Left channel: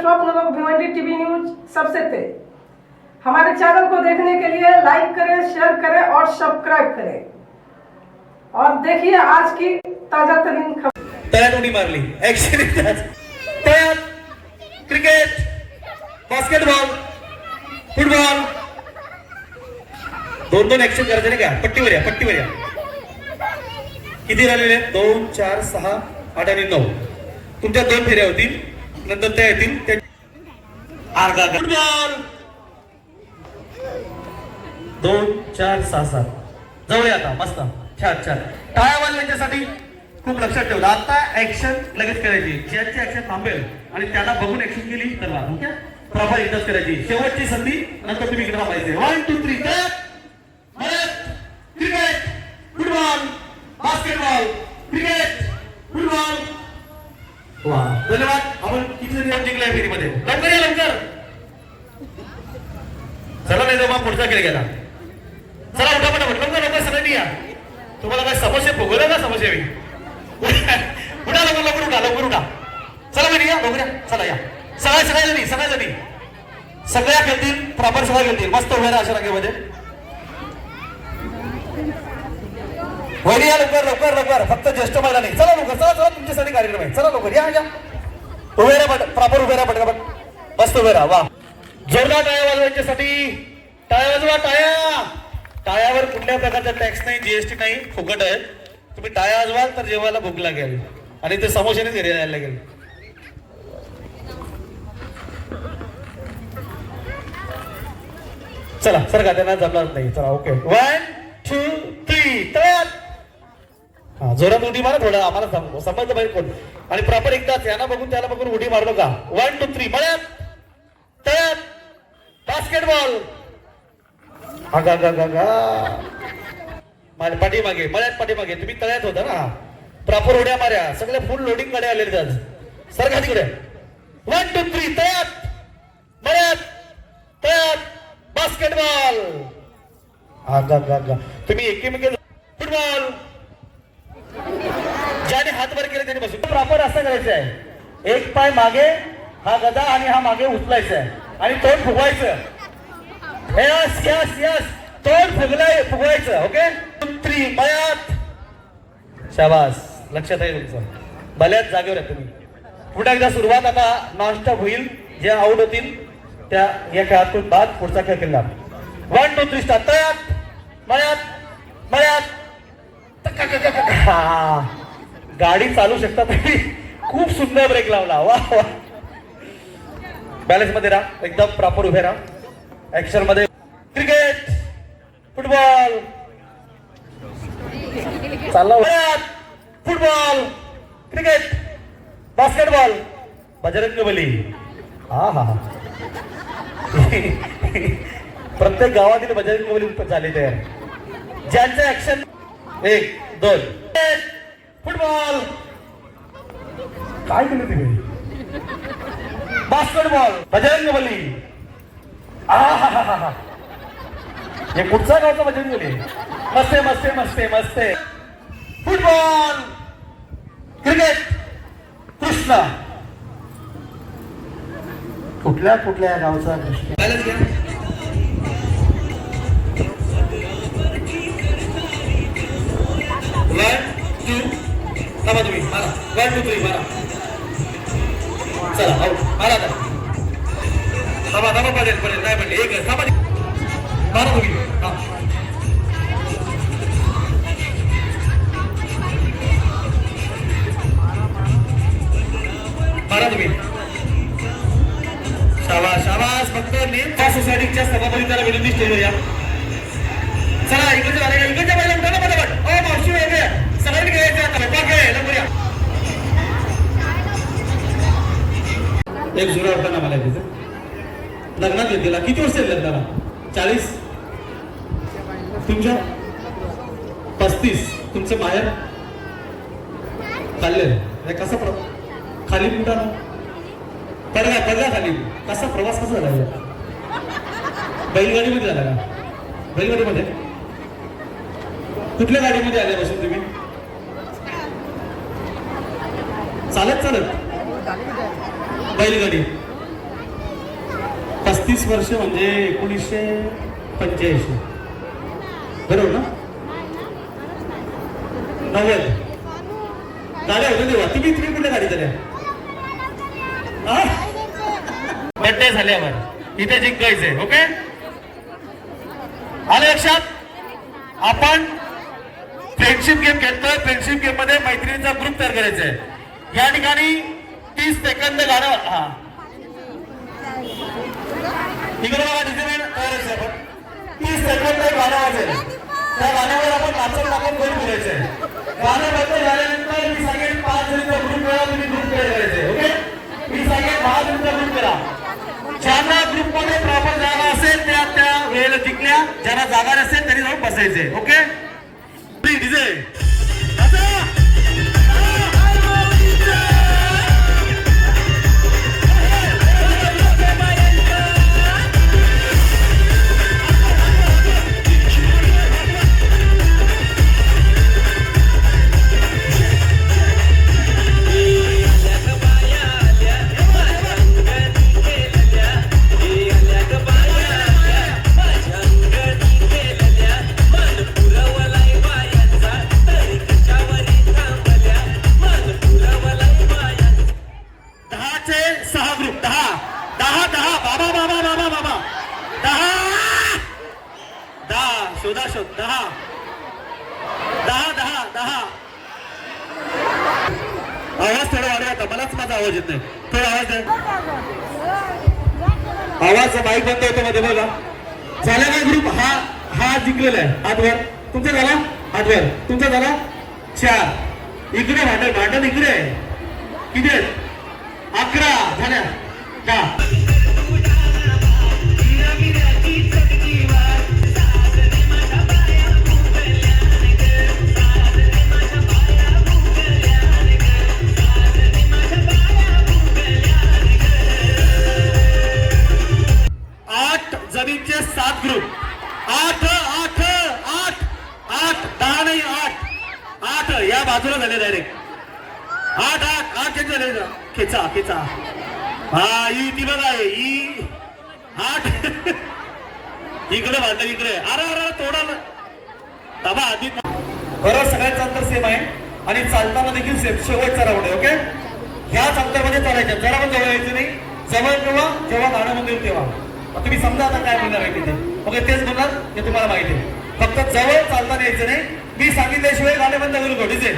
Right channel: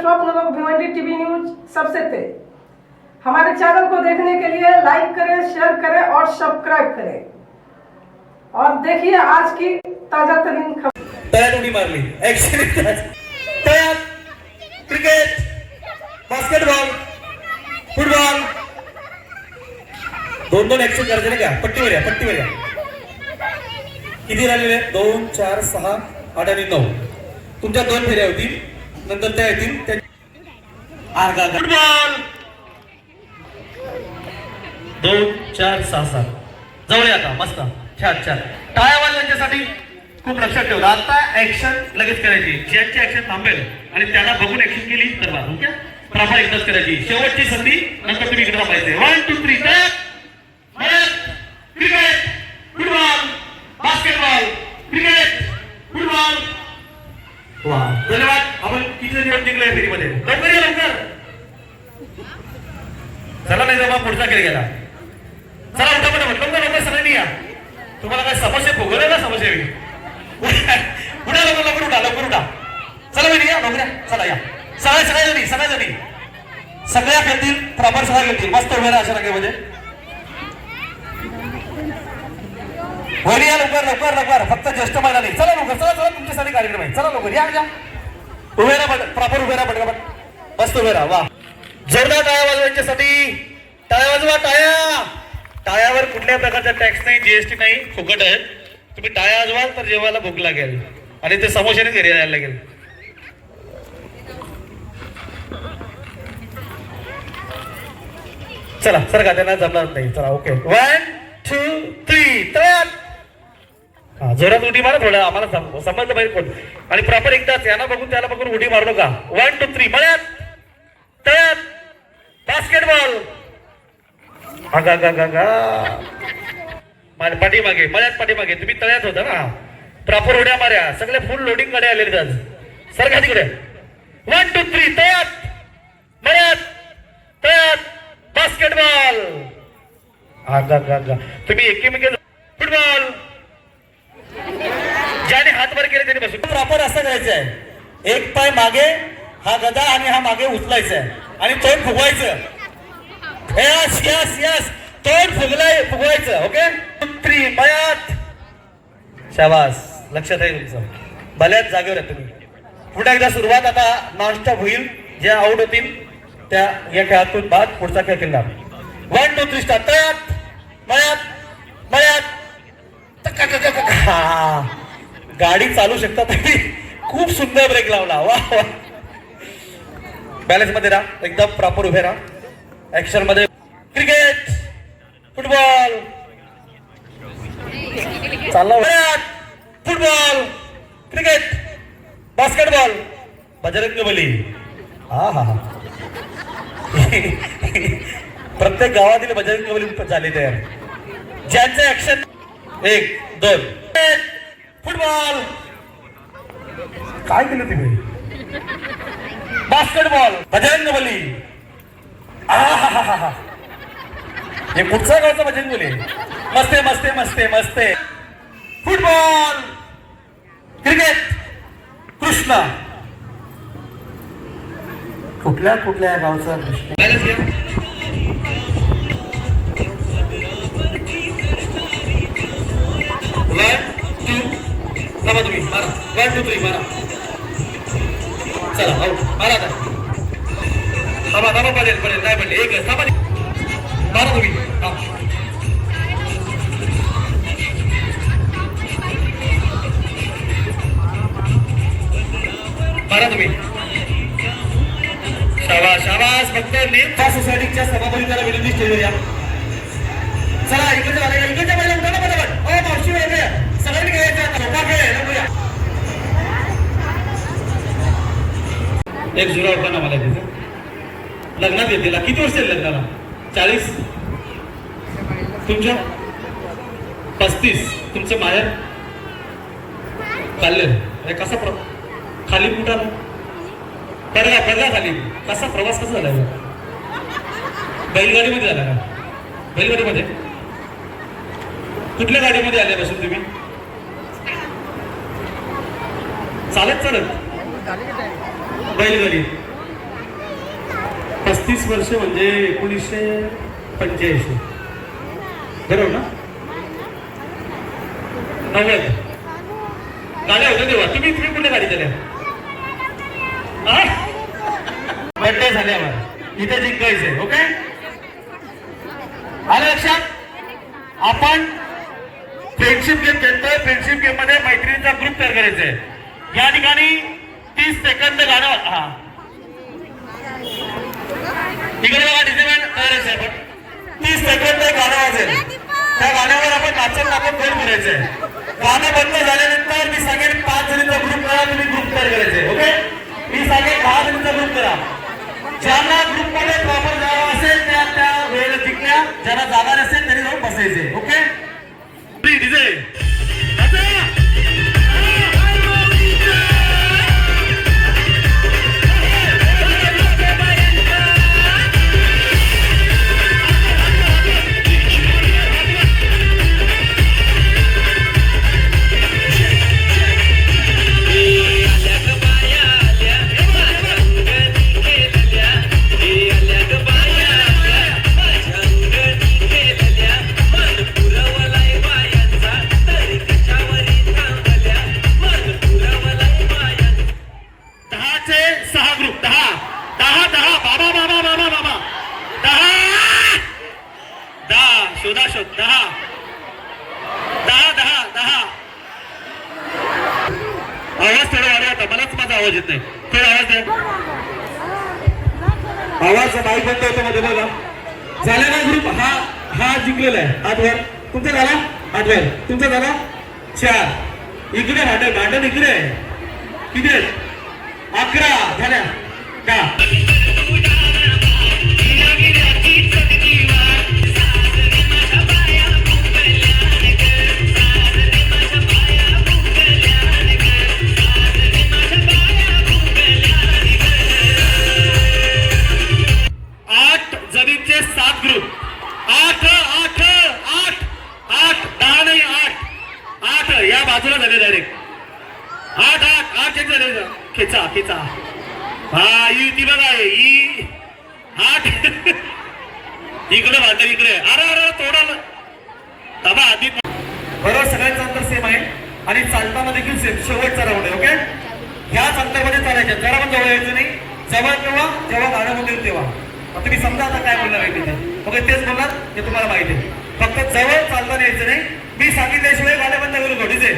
स्वप्न लोक Bhiwandi TV news सबसे तेज। हमारे चैनल को देखने के लिए लाइक करें, शेयर करें और सब्सक्राइब करें और देखिए आज की ताजा तरीन खबर। तयार उडी मारली, ऍक्शन तयार, क्रिकेट, बास्केटबॉल, फुटबॉल, दोन ऍक्शन करायचे ना का? पट्टीवर या, पट्टीवर या. किती राहिलेले? 2, 4, 6, 8 आणि 9. तुमच्या 2 फेऱ्या होतील, नंतर त्या येतील. फुटबॉल 2, 4, 6, 7 जवळ आता. मस्त, छान छान. टाळ्या वाजवण्यासाठी खूप लक्षात ठेवलं. आता ऍक्शन लगेच करायची. ज्यांची ऍक्शन थांबेल आणि त्यांना बघून ऍक्शन केली तर बा, ओके. प्रॉपर एकदाच करायची. शेवटची संधी, नंतर तुम्ही इकडे थांबायचे. 1, 2, 3 cricket, football, basketball, cricket, football. वा, धन्यवाद. आपण किती दिवस जिंकले फेरीमध्ये? लवकर. चला नाही तर मग पुढचा खेळ गेला. चला उठा सगळ्यांनी या. तुम्हाला काय समस्या भोगवल्या का? समस्या उठा लवकर उठा. चला मी या लवकर. चला या सगळ्या सगळ्या खेळतील. प्रॉपर सगळ्या खेळतील. मस्त उभ्या राहा अशा रांगेमध्ये. वरी या लवकर. फक्त ज्येष्ठ महिला नाही. चला लवकर. चला तुमच्यासाठी कार्यक्रम आहे. चला लवकर या. उभ्या राहा, प्रॉपर उभ्या राहा. पटकन मस्त उभ्या राहा. वा, जोरदार टाळ्या वाजवण्यासाठी. टाळ्या वाजवा. टाळ्यावर कुठल्या प्रकारचा टॅक्स नाही, जीएसटी नाही, फुकट आहे. तुम्ही टाळ्या वाजवाल तर जेवायला भूक लागेल आणि ते समोशाने घरी यायला लागेल. चला सर का त्यांना जमणार नाही. चला ओके. 1, 2, 3 तयार. हा, जोरात उडी मारा. थोडं आम्हाला समजलं पाहिजे कोण. आणि प्रॉपर एकदाच याला बघून त्याला बघून उडी मारू नका. 1, 2, 3 मळ्यात तयार. बास्केटबॉल. पाठीमागे, मळ्यात पाठीमागे. तुम्ही तळ्यात होता ना. प्रॉपर उड्या मार्या. सगळे फुल लोडिंग कडे आलेले आज. सर का तिकडे. 1, 2, 3 तयार. मळ्यात तयार. बास्केटबॉल. तुम्ही एकीमेकी. फुटबॉल. ज्याने हात वर केले त्याने बसून. प्रॉपर असं करायचं आहे. एक पाय मागे, हा गदा आणि हा मागे उचलायचा आहे आणि तोंड फुगवायचं. यस तोंड फुगवायचं. ओके. 3 मळ्यात. शाबास. लक्षात आहे तुमचं. भल्याच जागेवर आहे तुम्ही. पुन्हा एकदा सुरुवात. आता नॉनस्टॉप होईल. ज्या आउट होतील त्या या खेळातून बाद पुढचा खेळ खेळणार. 1, 2, 3 स्टार्ट. तयार. मळ्यात. गाडी चालू शकता तुम्ही. खूप सुंदर ब्रेक लावला. वा. बॅलन्स मध्ये राहा. एकदम प्रॉपर उभे राहा. ऍक्शन मध्ये. क्रिकेट, फुटबॉल चालला. Football, cricket, basketball, Bajrangbali. हा प्रत्येक गावातील बजरंगबली झाले तयार. ज्यांचे ऍक्शन 1, 2 फुटबॉल. काय केलं तुम्ही? बास्केटबॉल, बजरंगबली. हे कुठचा गावचा बजरंगबली? मस्त. Football, cricket, Krishna. कुठल्या गावचा कृष्णा? तुम्ही मारा. चला मारा. पडेल नाही म्हणले. एक मारा तुम्ही. मारा तुम्ही. शाबास. फक्त सोसायटीच्या सभापतीला विनंती स्टेजवर या. चला इकडच्या पहिला उठा ना पटापट. मावशी वगैरे सगळ्यांनी घ्यायचं. एक जुरा होता ना मला तिथं. लग्नात येते. किती वर्ष लग्नाला? 40. तुमच्या 35. तुमचे माहेर खाल्ले. कसा खाली कुठा पडला खाली. कसा प्रवास कसा झाला? बैलगाडीमध्ये झाला का? बैलगाडीमध्ये. कुठल्या गाडीमध्ये आल्यापासून तुम्ही? चालत बैलगाडी. 35 वर्ष म्हणजे 1985 बरोबर ना? नव्वद गाड्या होत्या तेव्हा. तुम्ही कुठल्या गाडी झाल्या? बड्डे झाल्यावर इथे जिंकायचंय. ओके, आलं लक्षात? आपण फ्रेंडशिप गेम खेळतोय. फ्रेंडशिप गेम मध्ये मैत्रिणींचा ग्रुप तयार करायचा आहे. या ठिकाणी 30 सेकंद गाणं. हा तिकडे बघा, डिझाईन करायचं आहे. 30 सेकंद गाणं वाजेल. त्या गाण्यावर आपण नाचत नाचत घर फिरायचंय. गाणं बंद झाल्यानंतर मी सांगेन 5 जणींचा ग्रुप करा. तुम्ही ग्रुप तयार करायचंय. ओके, मी सांगेन 10 जणींचा ग्रुप करा. ज्यांना ग्रुप मध्ये प्रॉपर जागा असेल त्या वेळेला टिकल्या. ज्यांना जागा नसेल तरी जाऊन बसायचे. ओके, डीजे शोध 10 आवाज थोडा वाढवा. आता मलाच माझा आवाज येत नाही. थोडा आवाज द्या. आवाज माईक बंद होतो मध्ये बघा. झाला ना ग्रुप? हा जिंकलेला आहे. हात वर. तुमचा झाला? हात वर. तुमचा झाला? 4. इकडे भांडण इकडे किती? 11 झाल्या का? जमीनचे 7 ग्रुप. 8 10 नाही 8 या बाजूला झाले डायरेक्ट. 8 झाले. खेचा हा ती बघा. 8 इकडे भांडण इकडे. अरे तोडाल तबा आधी. बरं, सगळ्यांचं अंतर सेम आहे आणि चालताना देखील सेम. शेवटचा राऊंड आहे. ओके, ह्याच अंतरामध्ये चालायचं. जरा पण जवळ यायचं नाही. जवळ जेव्हा गाणं मध्ये तेव्हा तुम्ही समजा आता काय बोलणार आहे तिथे. मग तेच बोलणार हे तुम्हाला माहिती आहे. फक्त जवळ चालता यायचं नाही. मी सांगितल्याशिवाय गाणे बंद करू नका. डीजे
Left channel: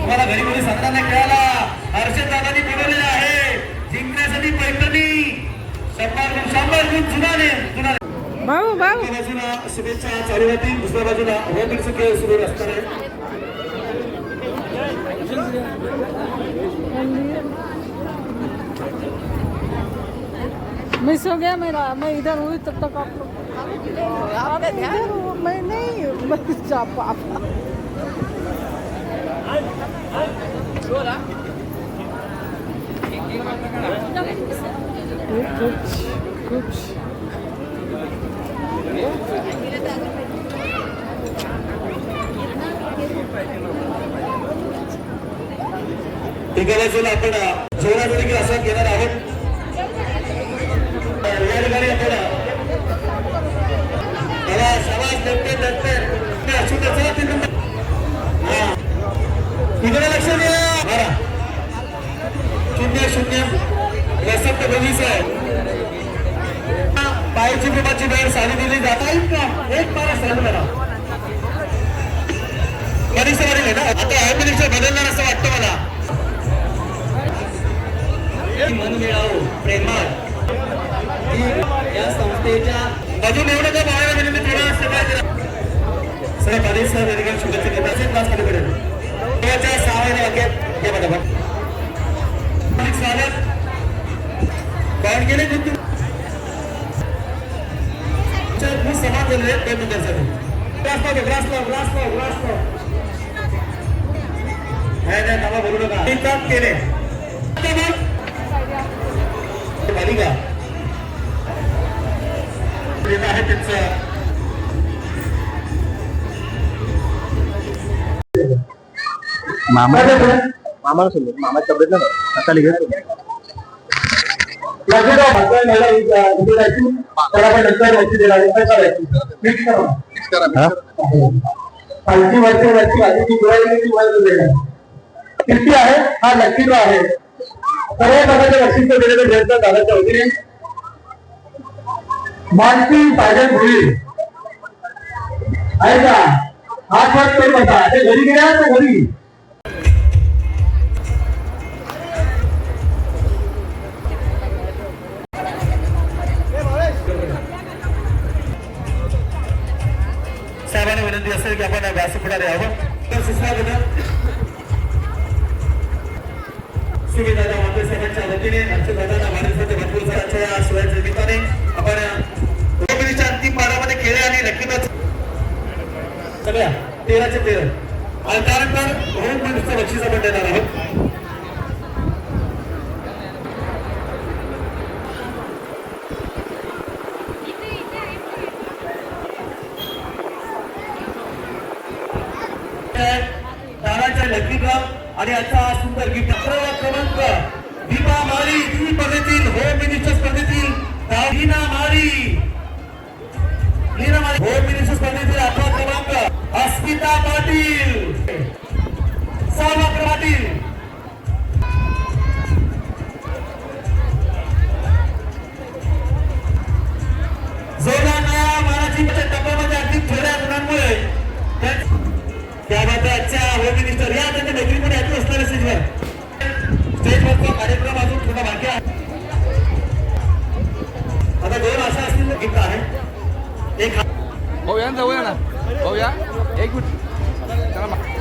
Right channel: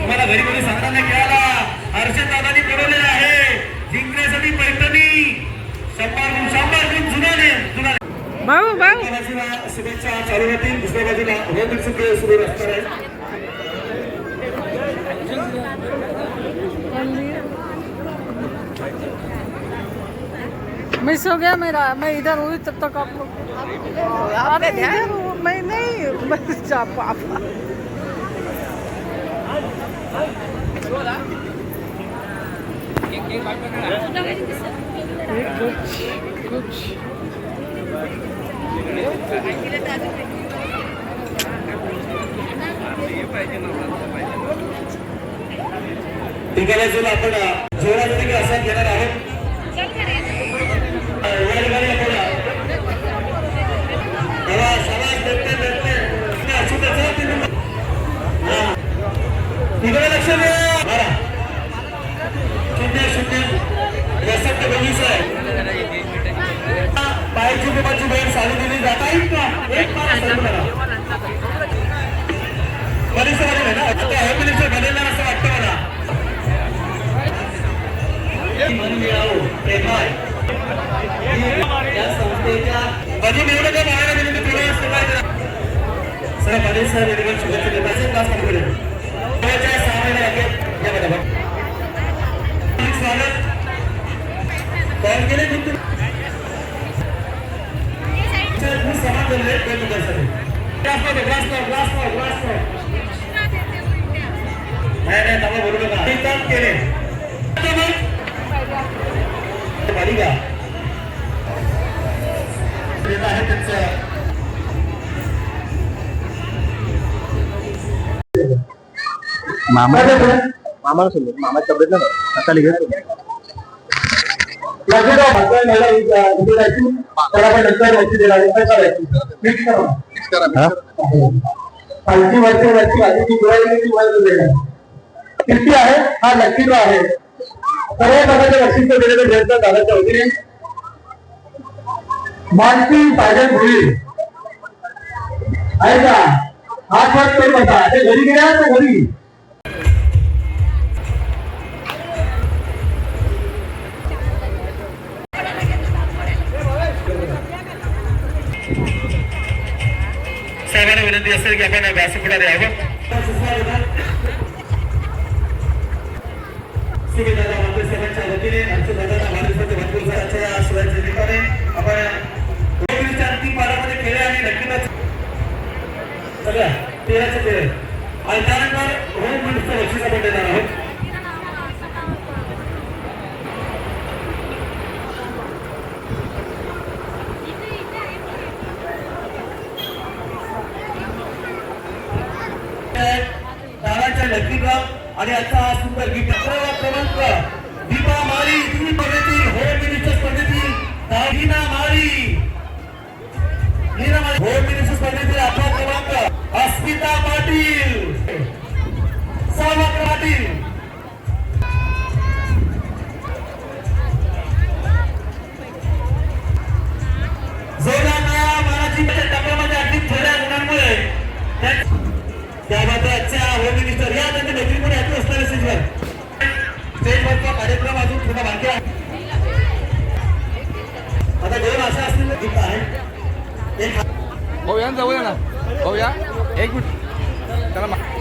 तुम्हाला घरी मध्ये सांगताना खेळायला हर्षद दादांनी बनवलेला आहे. जिंकण्यासाठी पैठणी शंभर बाजूला शुभेच्छा चालू राहतील. दुसऱ्या बाजूला रणजित सिंह सुरू असणार आहे. मिस हो गया मेरा. मैं इधर हुई तब तक आप लोग. अरे इधर मैं नहीं जा पापा. कुछ आपण जोरात असा घेणार आहोत. एक पारा सर्व करा. परिसरामध्ये आहे ना, आता होम मिनिस्टर बदलणार असं वाटतं मला. मनी मिळावो प्रेमाळ या संस्थेच्या माझी निवडणूक महाराज विनंती थोडा सेवा करा. सर पाटील साहेब यांनी शुभेच्छा देतात. असेच क्लास मध्ये पडेल. देवाच्या 6 महिने अखेर या बरोबर स्वागत कॉल केले तुम्ही समान झाले दोन मिनिटांसाठी. नाही नाही मला बोलू नका. काम केले मालिका आहे त्यांचं. मामाला सांगू मामा तब्येत ना आता लिहितो किती आहे हा लकीचा आहे. सर्व प्रकारच्या लक्षीचं दिलेलं प्रयत्न दादाच्या वतीने मानसी साजन भोई आहे का हात वर करून बसा. ते घरी गेल्या तर घरी साहेबांना विनंती असेल की आपण व्यासपीठावर यावं. सुविधा मंत्रिसभेच्या वतीने आमच्या दादांना माणसाच्या भरपूर साऱ्या आश्रयाच्या ठिकाणी आपण होममिनिस्टर अंतिम पारामध्ये खेळ आणि नक्कीच सगळ्या 13चे 13 आणि त्यानंतर होम मिनिस्टर बक्षीस आपण देणार आहोत. ताराच्या लकीगाव आणि आता सुंदर गिफ्ट क्रमांक दीपा माळी तुम्ही स्पर्धेतील होम मिनिस्टर स्पर्धेतील नीना माळी होम मिनिस्टर स्पर्धेतील आपला क्रमांक अस्मिता पाटील सावक पाटील जोराच्या मराठीच्या टप्प्यामध्ये अगदी थोड्या गुणांमुळे त्याबाबतच्या होम मिनिस्टर या त्यांच्या मैत्रीमध्ये ऐकू असणारे स्टेजवरचा कार्यक्रम अजून थोडा बाकी आहे. आता 2 अशा असतील गिफ्ट आहे. एक भाऊ या जवळ ना भाऊ या एक मिनिट